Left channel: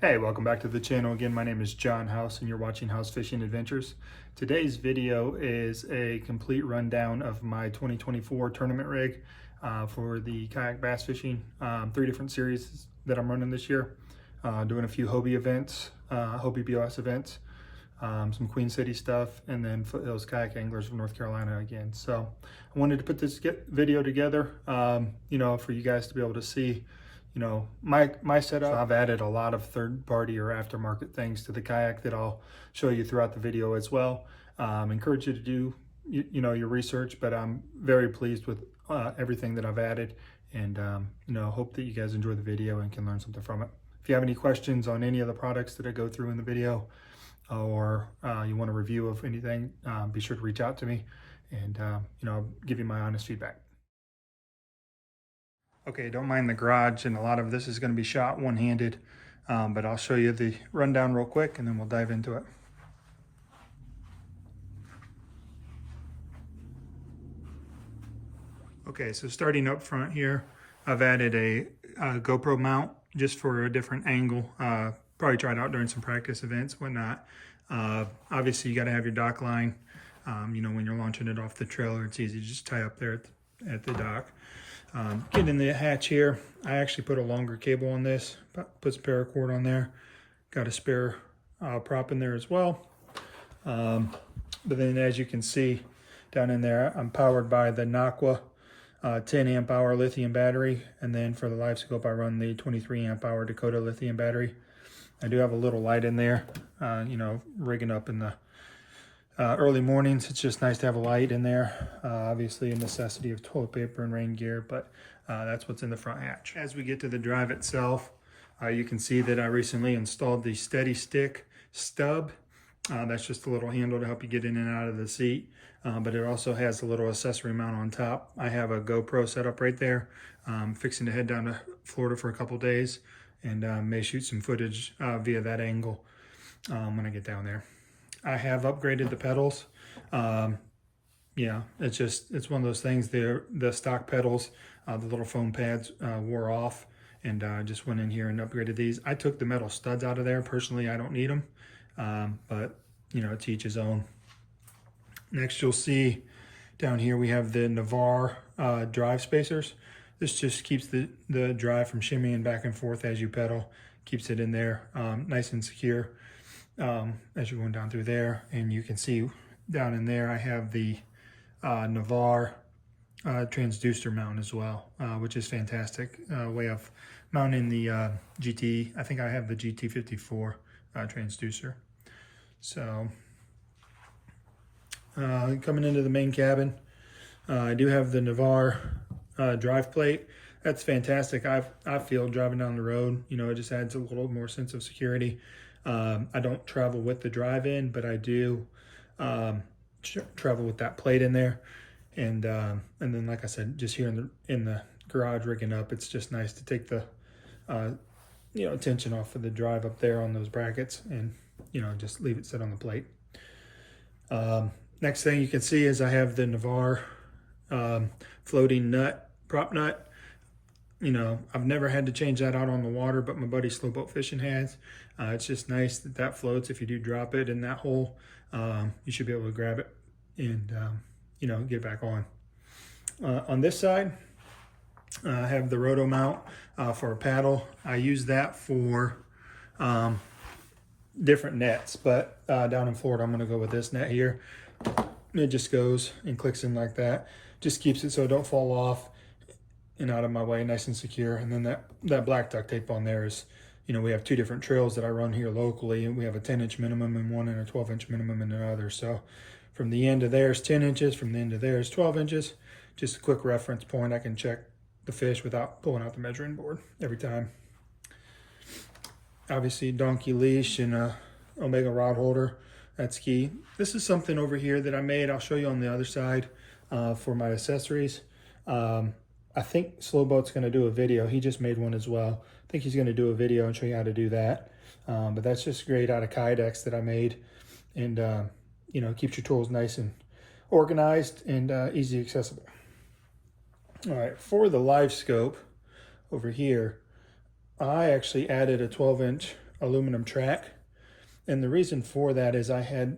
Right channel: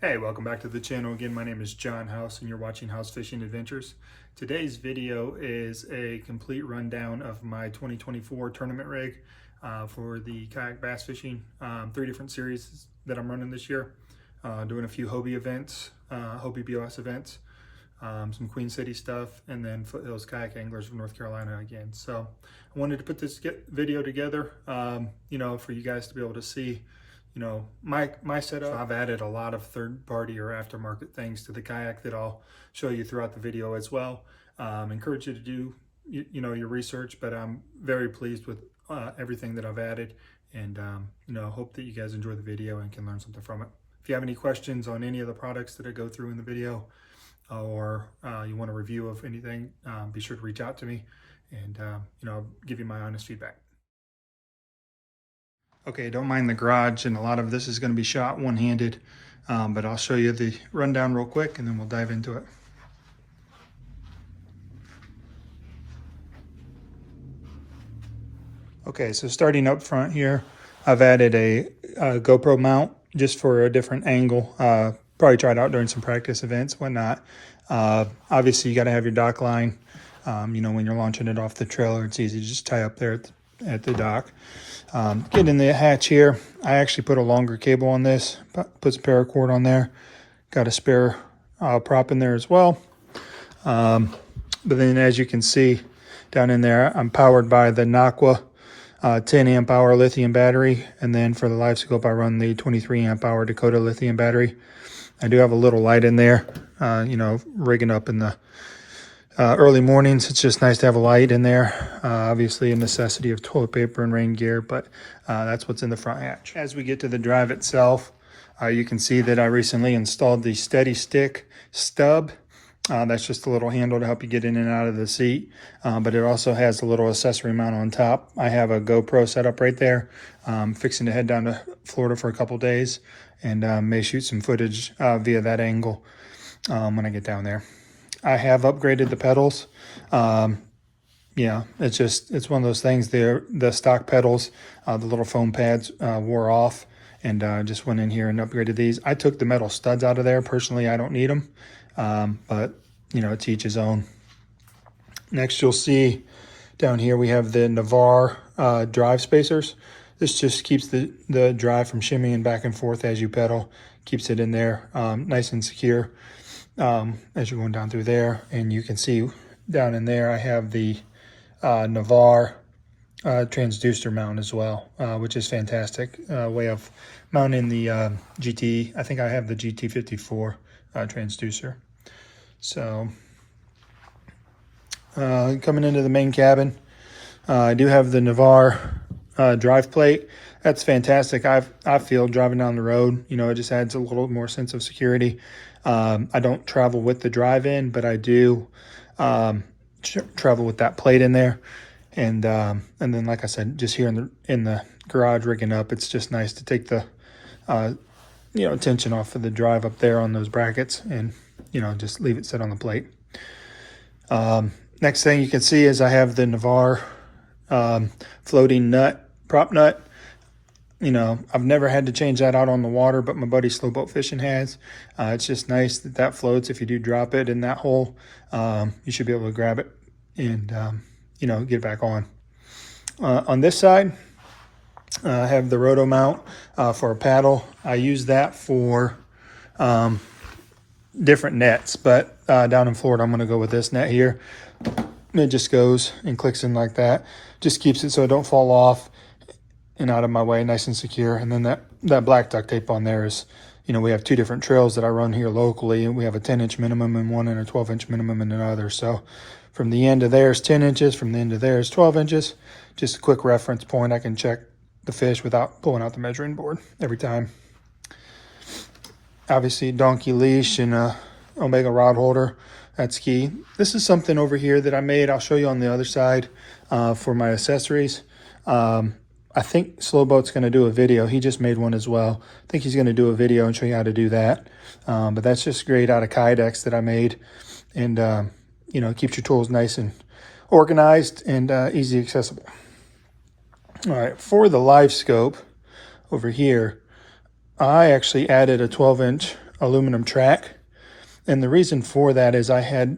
Hey, welcome back to the channel again. My name is John House and you're watching House Fishing Adventures. Today's video is a complete rundown of my 2024 tournament rig for the kayak bass fishing. 3 different series that I'm running this year. Doing a few Hobie events, Hobie BOS events, some Queen City stuff, and then Foothills Kayak Anglers of North Carolina again. So I wanted to put this video together, for you guys to be able to see my setup. So I've added a lot of third-party or aftermarket things to the kayak that I'll show you throughout the video as well. Encourage you to do your research, but I'm very pleased with everything that I've added, and hope that you guys enjoy the video and can learn something from it. If you have any questions on any of the products that I go through in the video, or you want a review of anything, be sure to reach out to me, and I'll give you my honest feedback. Okay, don't mind the garage, and a lot of this is going to be shot one-handed, but I'll show you the rundown real quick and then we'll dive into it. Okay, so starting up front here, I've added a GoPro mount just for a different angle. Probably try it out during some practice events, whatnot. Obviously, you got to have your dock line. When you're launching it off the trailer, it's easy to just tie up there at the dock. Getting the hatch here, I actually put a longer cable on this, put some paracord on there. Got a spare prop in there as well. But then as you can see down in there, I'm powered by the Naqua 10 amp hour lithium battery. And then for the live scope, I run the 23 amp hour Dakota lithium battery. I do have a little light in there, rigging up in the early mornings. It's just nice to have a light in there. Obviously a necessity of toilet paper and rain gear, but that's what's in the front hatch. As we get to the drive itself, you can see that I recently installed the Steady Stick stub. That's just a little handle to help you get in and out of the seat, but it also has a little accessory mount on top. I have a GoPro set up right there. Fixing to head down to Florida for a couple days, and may shoot some footage via that angle when I get down there. I have upgraded the pedals. It's one of those things. The stock pedals, the little foam pads wore off, and just went in here and upgraded these. I took the metal studs out of there. Personally, I don't need them, but to each his own. Next, you'll see down here we have the Navarre drive spacers. This just keeps the drive from shimmying back and forth as you pedal. Keeps it in there nice and secure as you're going down through there. And you can see down in there I have the Navarre transducer mount as well, which is fantastic way of mounting the GT. I think I have the GT54 transducer. So coming into the main cabin, I do have the Navarre drive plate. That's fantastic. I feel driving down the road, it just adds a little more sense of security. I don't travel with the drive-in, but I do travel with that plate in there. And then, like I said, just here in the garage rigging up, it's just nice to take the tension off of the drive up there on those brackets, and just leave it set on the plate. Next thing you can see is I have the Navarre floating prop nut. I've never had to change that out on the water, but my buddy Slow Boat Fishing has. It's just nice that floats. If you do drop it in that hole, you should be able to grab it and get it back on. On this side, I have the roto mount for a paddle. I use that for different nets, but down in Florida, I'm going to go with this net here. It just goes and clicks in like that. Just keeps it so it don't fall off and out of my way, nice and secure. And then that black duct tape on there is, we have 2 different trails that I run here locally, and we have a 10-inch minimum in one and a 12-inch minimum in another. So from the end of there is 10 inches, from the end of there is 12 inches. Just a quick reference point. I can check the fish without pulling out the measuring board every time. Obviously, donkey leash and a Omega rod holder. That's key. This is something over here that I made. I'll show you on the other side for my accessories. I think Slow Boat's going to do a video. He just made one as well. I think he's going to do a video and show you how to do that. But that's just great out of Kydex that I made. And, keeps your tools nice and organized and easy accessible. All right, for the live scope over here, I actually added a 12-inch aluminum track. And the reason for that is I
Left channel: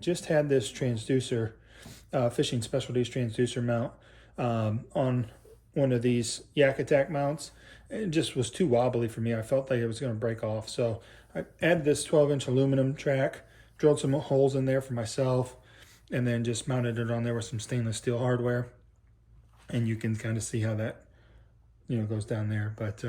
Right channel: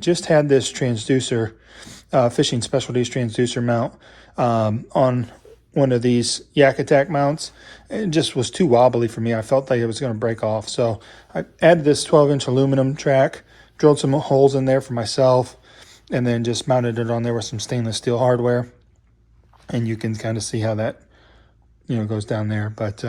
just had this transducer, Fishing Specialties transducer mount on one of these Yak Attack mounts. It just was too wobbly for me. I felt like it was going to break off. So I added this 12-inch aluminum track, drilled some holes in there for myself, and then just mounted it on there with some stainless steel hardware. And you can kind of see how that, goes down there. But,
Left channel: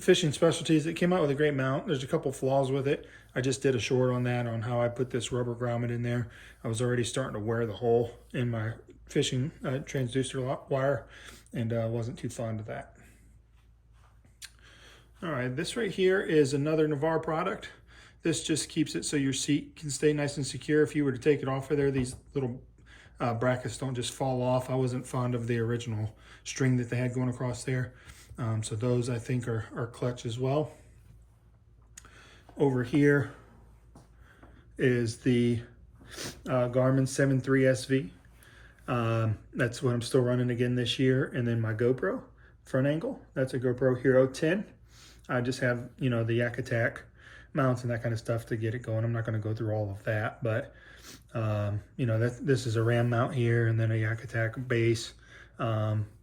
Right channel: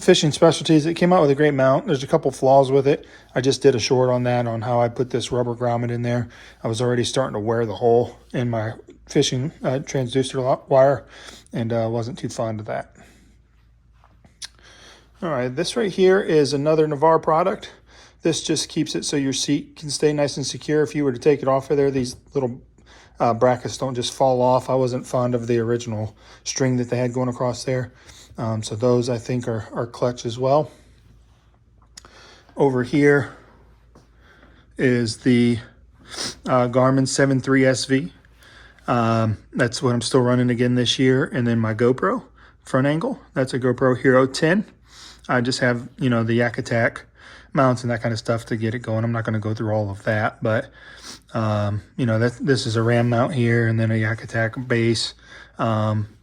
Fishing Specialties, it came out with a great mount. There's a couple flaws with it. I just did a short on that, on how I put this rubber grommet in there. I was already starting to wear the hole in my fishing transducer wire, and wasn't too fond of that. All right, this right here is another Navarre product. This just keeps it so your seat can stay nice and secure. If you were to take it off of there, these little brackets don't just fall off. I wasn't fond of the original string that they had going across there. So those I think are clutch as well. Over here is the Garmin 7.3 SV. That's what I'm still running again this year. And then my GoPro front angle. That's a GoPro Hero 10. I just have, the Yak Attack mounts and that kind of stuff to get it going. I'm not going to go through all of that, but this is a RAM mount here, and then a Yak Attack base.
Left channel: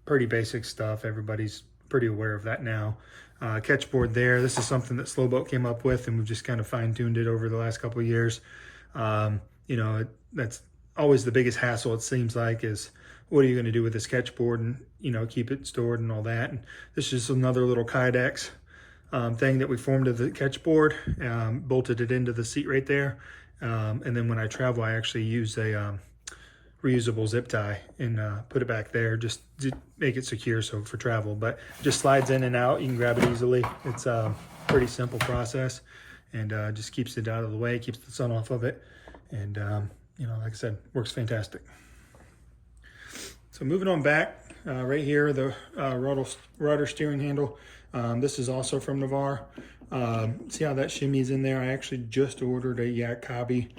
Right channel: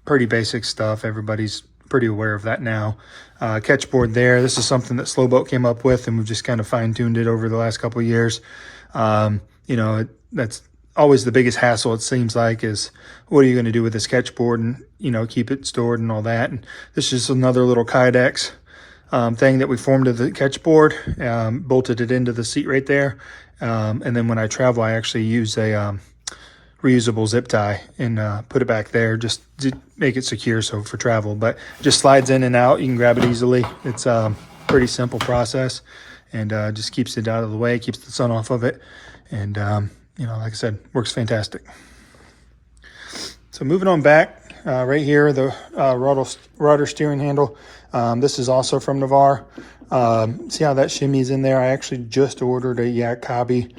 Pretty basic stuff. Everybody's pretty aware of that now. Catch board there. This is something that Slowboat came up with, and we've just kind of fine-tuned it over the last couple of years. That's always the biggest hassle, it seems like, is what are you going to do with this catch board and, keep it stored and all that. And this is just another little Kydex thing that we formed to the catch board, bolted it into the seat right there. And then when I travel, I actually use a reusable zip tie and put it back there just to make it secure, so for travel. But it just slides in and out. You can grab it easily. It's a pretty simple process, and just keeps it out of the way, keeps the sun off of it, and like I said, works fantastic. So moving on back, right here, the rudder steering handle. This is also from Navarre. See how that shimmy's in there? I actually just ordered a Yak Hobby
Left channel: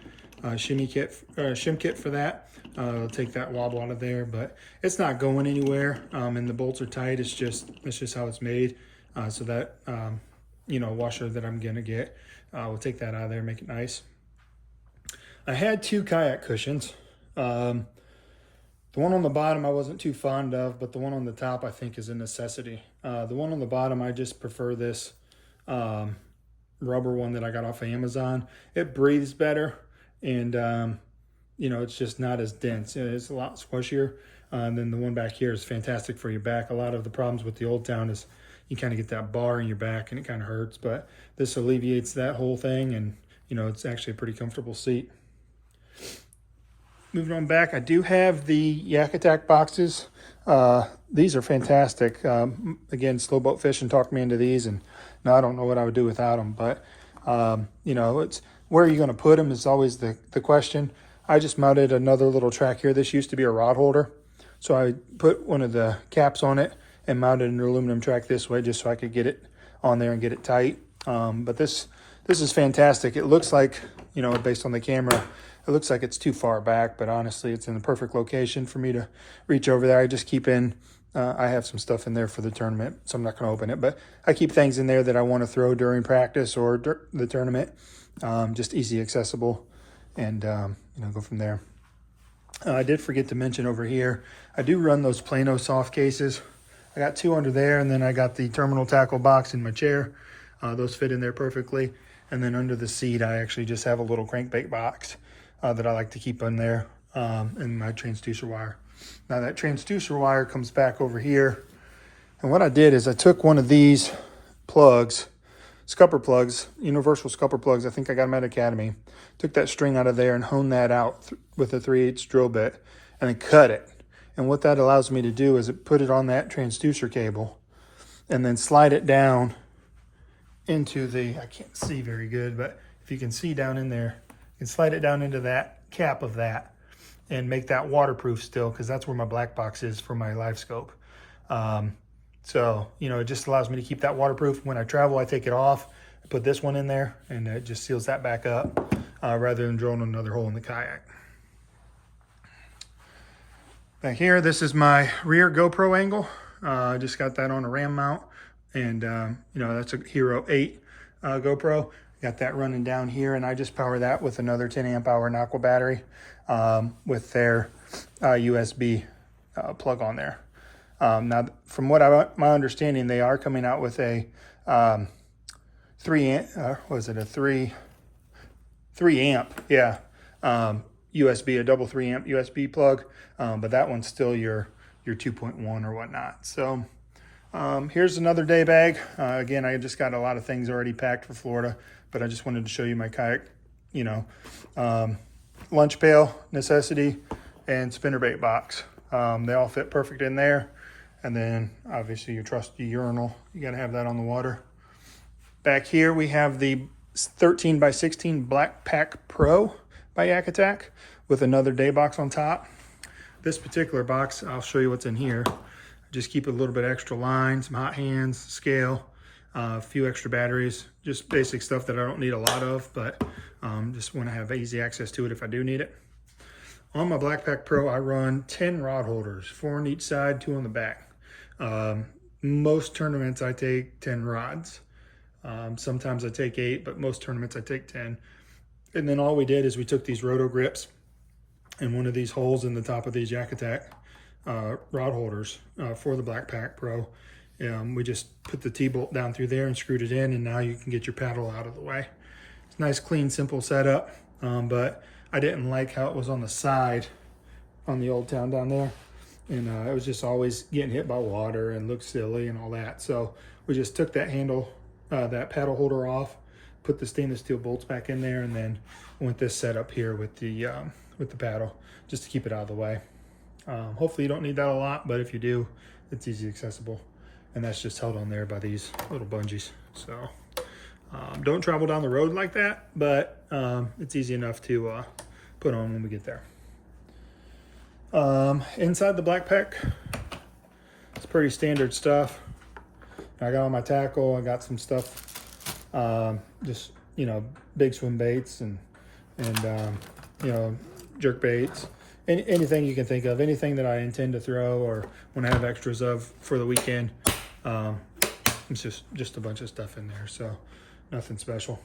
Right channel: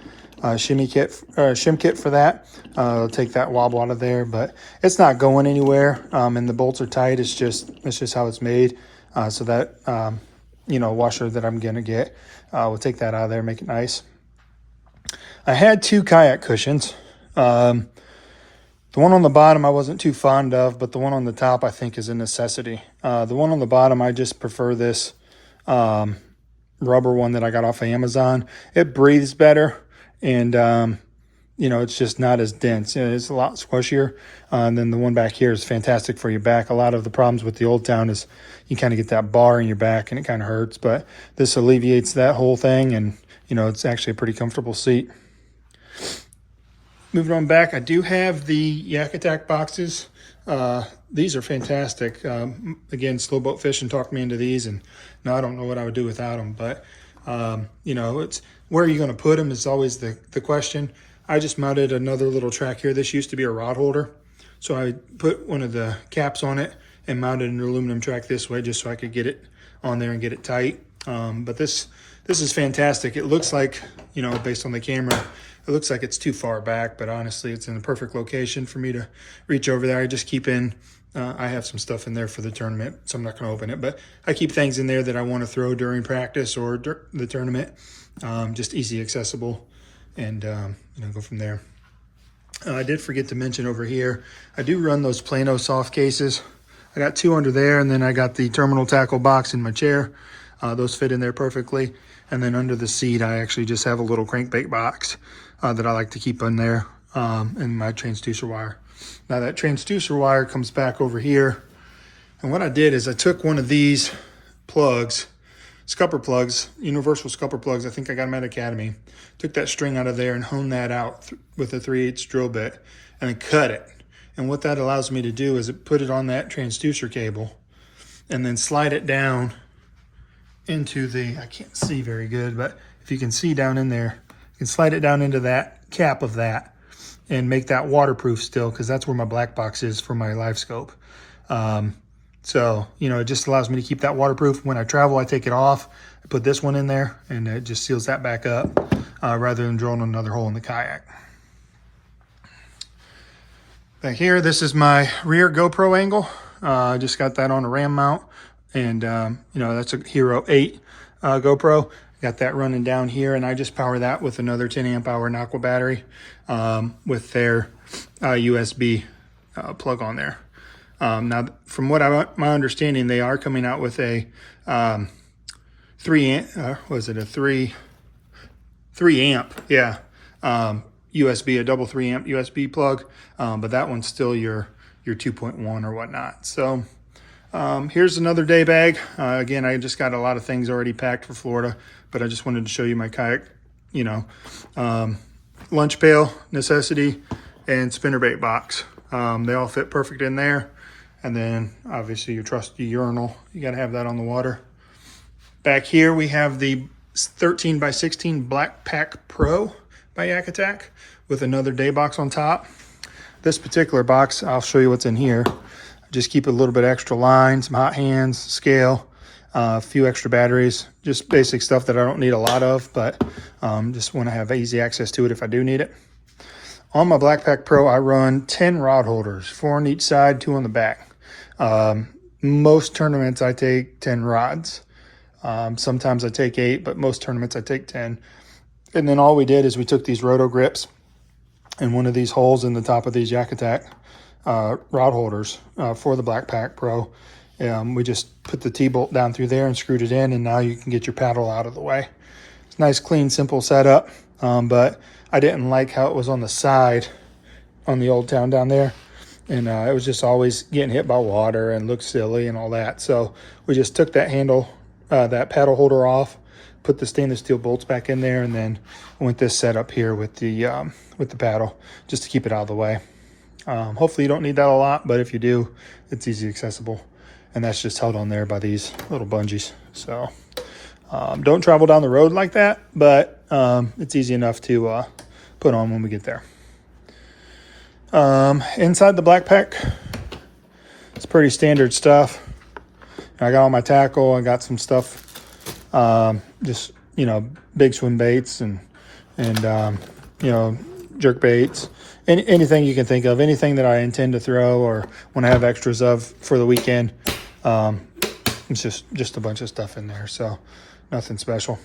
shim kit for that. I'll take that wobble out of there, but it's not going anywhere. And the bolts are tight. It's just how it's made. So that washer that I'm gonna get, we'll take that out of there, make it nice. I had two kayak cushions. The one on the bottom I wasn't too fond of, but the one on the top I think is a necessity. The one on the bottom, I just prefer this rubber one that I got off of Amazon. It breathes better, and it's just not as dense. It's a lot squishier. And then the one back here is fantastic for your back. A lot of the problems with the Old Town is you kind of get that bar in your back and it kind of hurts, but this alleviates that whole thing, and it's actually a pretty comfortable seat. Moving on back, I do have the Yak Attack boxes. These are fantastic. Again, Slowboat Fishing talked me into these, and now I don't know what I would do without them. But, it's where are you going to put them is always the question. I just mounted another little track here. This used to be a rod holder. So I put one of the caps on it and mounted an aluminum track this way just so I could get it on there and get it tight. But this is fantastic. It looks like, based on the camera, it looks like it's too far back, but honestly, it's in the perfect location for me to reach over there. I just keep in, I have some stuff in there for the tournament, so I'm not going to open it, but I keep things in there that I want to throw during practice or the tournament, just easy accessible, and go from there. I did forget to mention over here, I do run those Plano soft cases. I got two under there, and then I got the terminal tackle box in my chair. Those fit in there perfectly. And then under the seat, I actually just have a little crankbait box that I like to keep in there, in my transducer wire. Now that transducer wire comes back over here. And what I did is I took one of these plugs, scupper plugs, universal scupper plugs. I think I got them at Academy. Took that string out of there and honed that out with a 3/8 drill bit, and then cut it. And what that allows me to do is put it on that transducer cable and then slide it down into I can't see very good, but if you can see down in there, you can slide it down into that cap of that and make that waterproof still, because that's where my black box is for my live scope. So, it just allows me to keep that waterproof. When I travel, I take it off, I put this one in there, and it just seals that back up, rather than drilling another hole in the kayak. Back here, this is my rear GoPro angle. I just got that on a RAM mount. and you know, that's a Hero 8 GoPro. Got that running down here, and I just power that with another 10 amp hour Aqua battery with their USB plug on there. Now, from what my understanding, they are coming out with a 3 amp, was it a 3 amp? Yeah, USB, a double 3 amp USB plug, but that one's still your 2.1 or whatnot. So here's another day bag. Again, I just got a lot of things already packed for Florida, but I just wanted to show you my kayak, you know, lunch pail, necessity, and spinnerbait box. They all fit perfect in there. And then obviously your trusty urinal, you got to have that on the water. Back here we have the 13 by 16 Black Pack Pro by Yak Attack with another day box on top. This particular box, I'll show you what's in here. Just keep a little bit extra line, some hot hands, scale, a few extra batteries, just basic stuff that I don't need a lot of, but just want to have easy access to it if I do need it. On my Black Pack Pro, I run 10 rod holders, 4 on each side, 2 on the back. Most tournaments I take 10 rods. Sometimes I take 8, but most tournaments I take 10. And then all we did is we took these roto grips and one of these holes in the top of these Yak Attack rod holders for the Black Pack Pro. We just put the T-bolt down through there and screwed it in, and now you can get your paddle out of the way. It's nice, clean, simple setup, but I didn't like how it was on the side on the Old Town down there. And it was just always getting hit by water and looked silly and all that. So we just took that handle, that paddle holder off, put the stainless steel bolts back in there, and then went this setup here with the paddle just to keep it out of the way. Hopefully you don't need that a lot, but if you do, it's easy accessible. And that's just held on there by these little bungees. So don't travel down the road like that, but it's easy enough to put on when we get there. Inside the Black Pack, it's pretty standard stuff. I got all my tackle, I got some stuff, just, you know, big swim baits and you know, jerk baits, anything you can think of, anything that I intend to throw or want to have extras of for the weekend. It's just a bunch of stuff in there, so nothing special.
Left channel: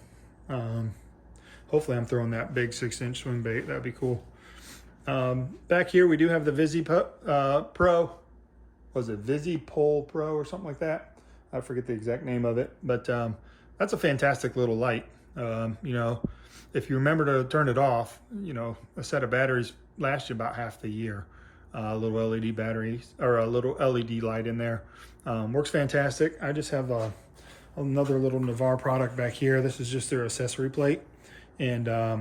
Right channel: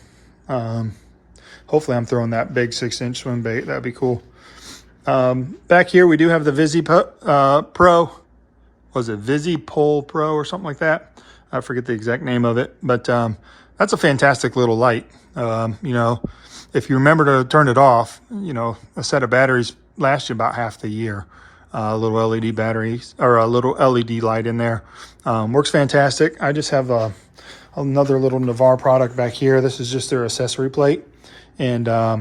Hopefully I'm throwing that big 6-inch swim bait. That'd be cool. Back here we do have the Pro. Was it VisiPole Pro or something like that? I forget the exact name of it, but that's a fantastic little light. You know, if you remember to turn it off, you know, a set of batteries lasts you about half the year. A little LED batteries or a little LED light in there. Works fantastic. I just have another little Navarre product back here. This is just their accessory plate, and I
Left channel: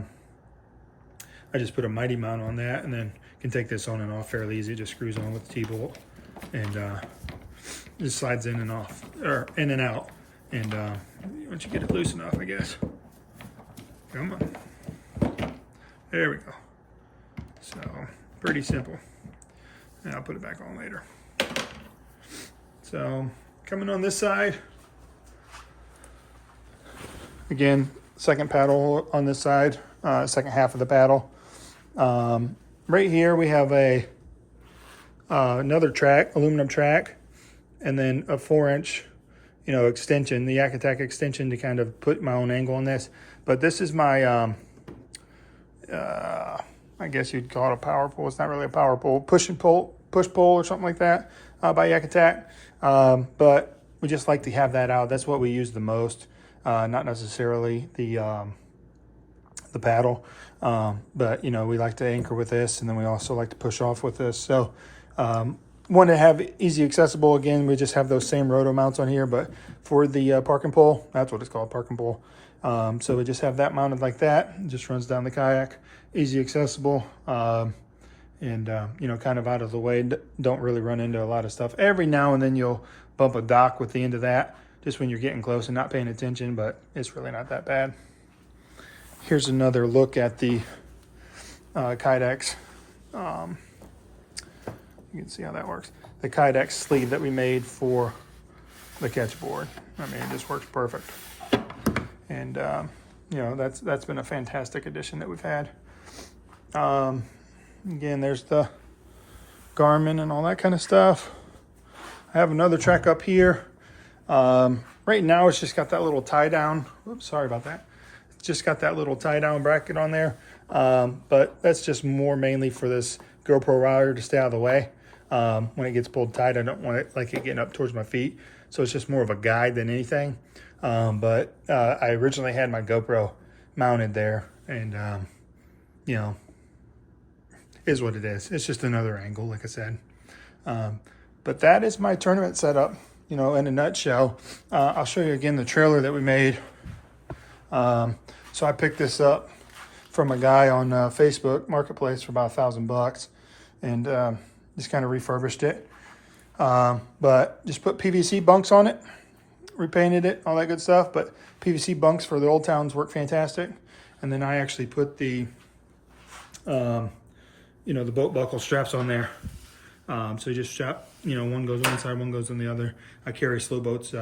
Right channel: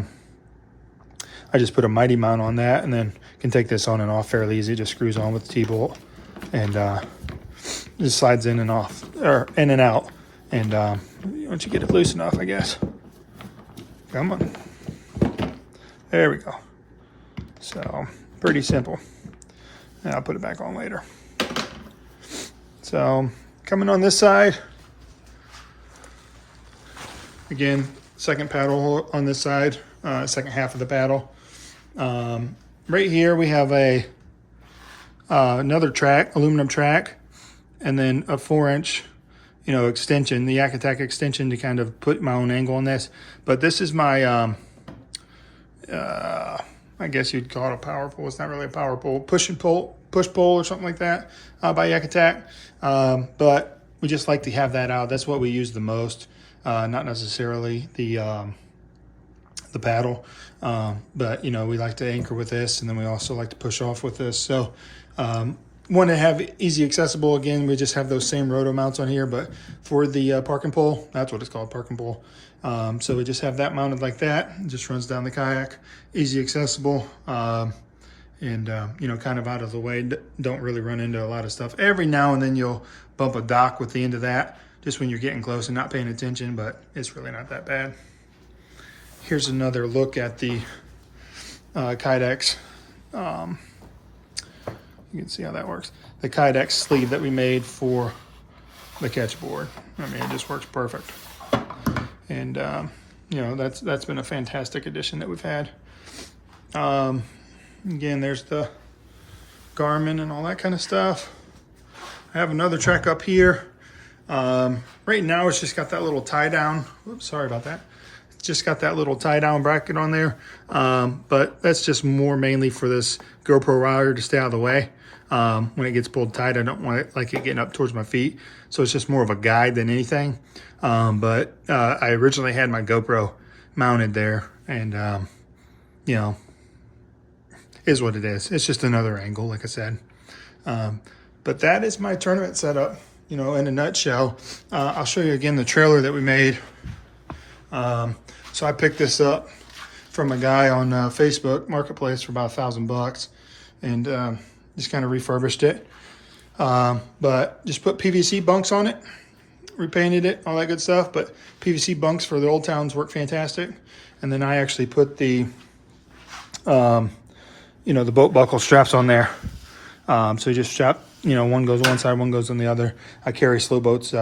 just put a mighty mount on that, and then can take this on and off fairly easy. Just screws on with the T-bolt and just slides in and off, or in and out. And once you get it loose enough, I guess. Come on. There we go. So pretty simple. And I'll put it back on later. So coming on this side, again, second paddle on this side, second half of the paddle. Right here we have another track, aluminum track, and then a 4-inch, you know, extension, the Yak Attack extension to kind of put my own angle on this. But this is my, I guess you'd call it a power pole. It's not really a power pole, push pole or something like that by Yak Attack. But we just like to have that out. That's what we use the most, not necessarily the paddle. But, you know, we like to anchor with this, and then we also like to push off with this. So want to have easy accessible. Again, we just have those same roto mounts on here, but for the parking pole, that's what it's called, parking pole. So we just have that mounted like that. It just runs down the kayak, easy accessible, and you know, kind of out of the way. Don't really run into a lot of stuff. Every now and then you'll bump a dock with the end of that, just when you're getting close and not paying attention, but it's really not that bad. Here's another look at the Kydex. You can see how that works. The Kydex sleeve that we made for the catch board. I mean, it just works perfect. And you know, that's been a fantastic addition that we've had. Again, there's the Garmin and all that kind of stuff. I have another track up here. Right now it's just got that little tie down. Oops, sorry about that. It's just got that little tie down bracket on there. But that's just more mainly for this GoPro wire to stay out of the way. When it gets pulled tight, I don't want it like it getting up towards my feet. So it's just more of a guide than anything. But I originally had my GoPro mounted there, and you know, is what it is. It's just another angle, like I said. But that is my tournament setup, you know, in a nutshell. I'll show you again the trailer that we made. So I picked this up from a guy on Facebook Marketplace for about $1,000, and just kind of refurbished it. But just put PVC bunks on it, repainted it, all that good stuff. But PVC bunks for the Old Towns work fantastic. And then I actually put the, you know, the boat buckle straps on there. So you just strap, you know, one goes one side, one goes on the other. I carry Slow Boat's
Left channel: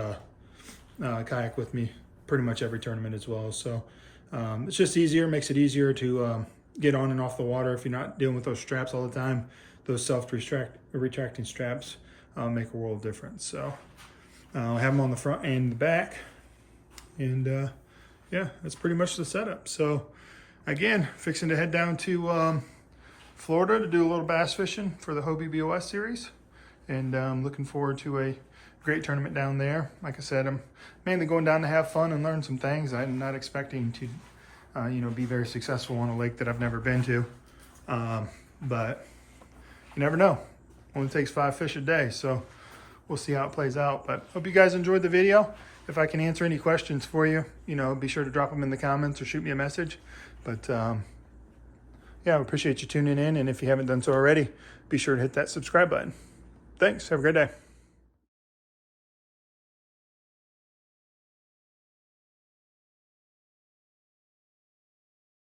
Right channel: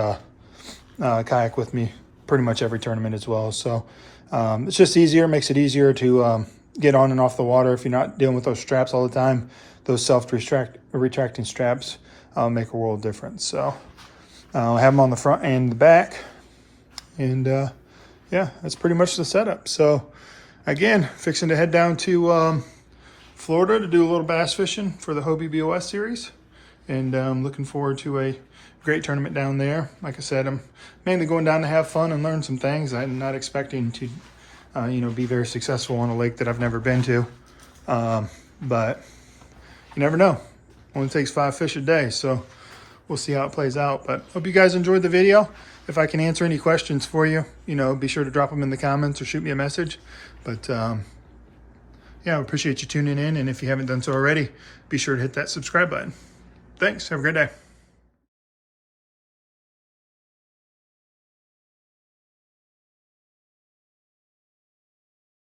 kayak with me pretty much every tournament as well. So it's just easier, makes it easier to get on and off the water if you're not dealing with those straps all the time. Those self-retracting straps make a world of difference. So I have them on the front and the back. And yeah, that's pretty much the setup. So again, fixing to head down to Florida to do a little bass fishing for the Hobie BOS series. And I'm looking forward to a great tournament down there. Like I said, I'm mainly going down to have fun and learn some things. I'm not expecting to, you know, be very successful on a lake that I've never been to. But you never know. Only takes 5 fish a day, so we'll see how it plays out. But hope you guys enjoyed the video. If I can answer any questions for you, you know, be sure to drop them in the comments or shoot me a message. But yeah, I appreciate you tuning in. And if you haven't done so already, be sure to hit that subscribe button. Thanks. Have a great day.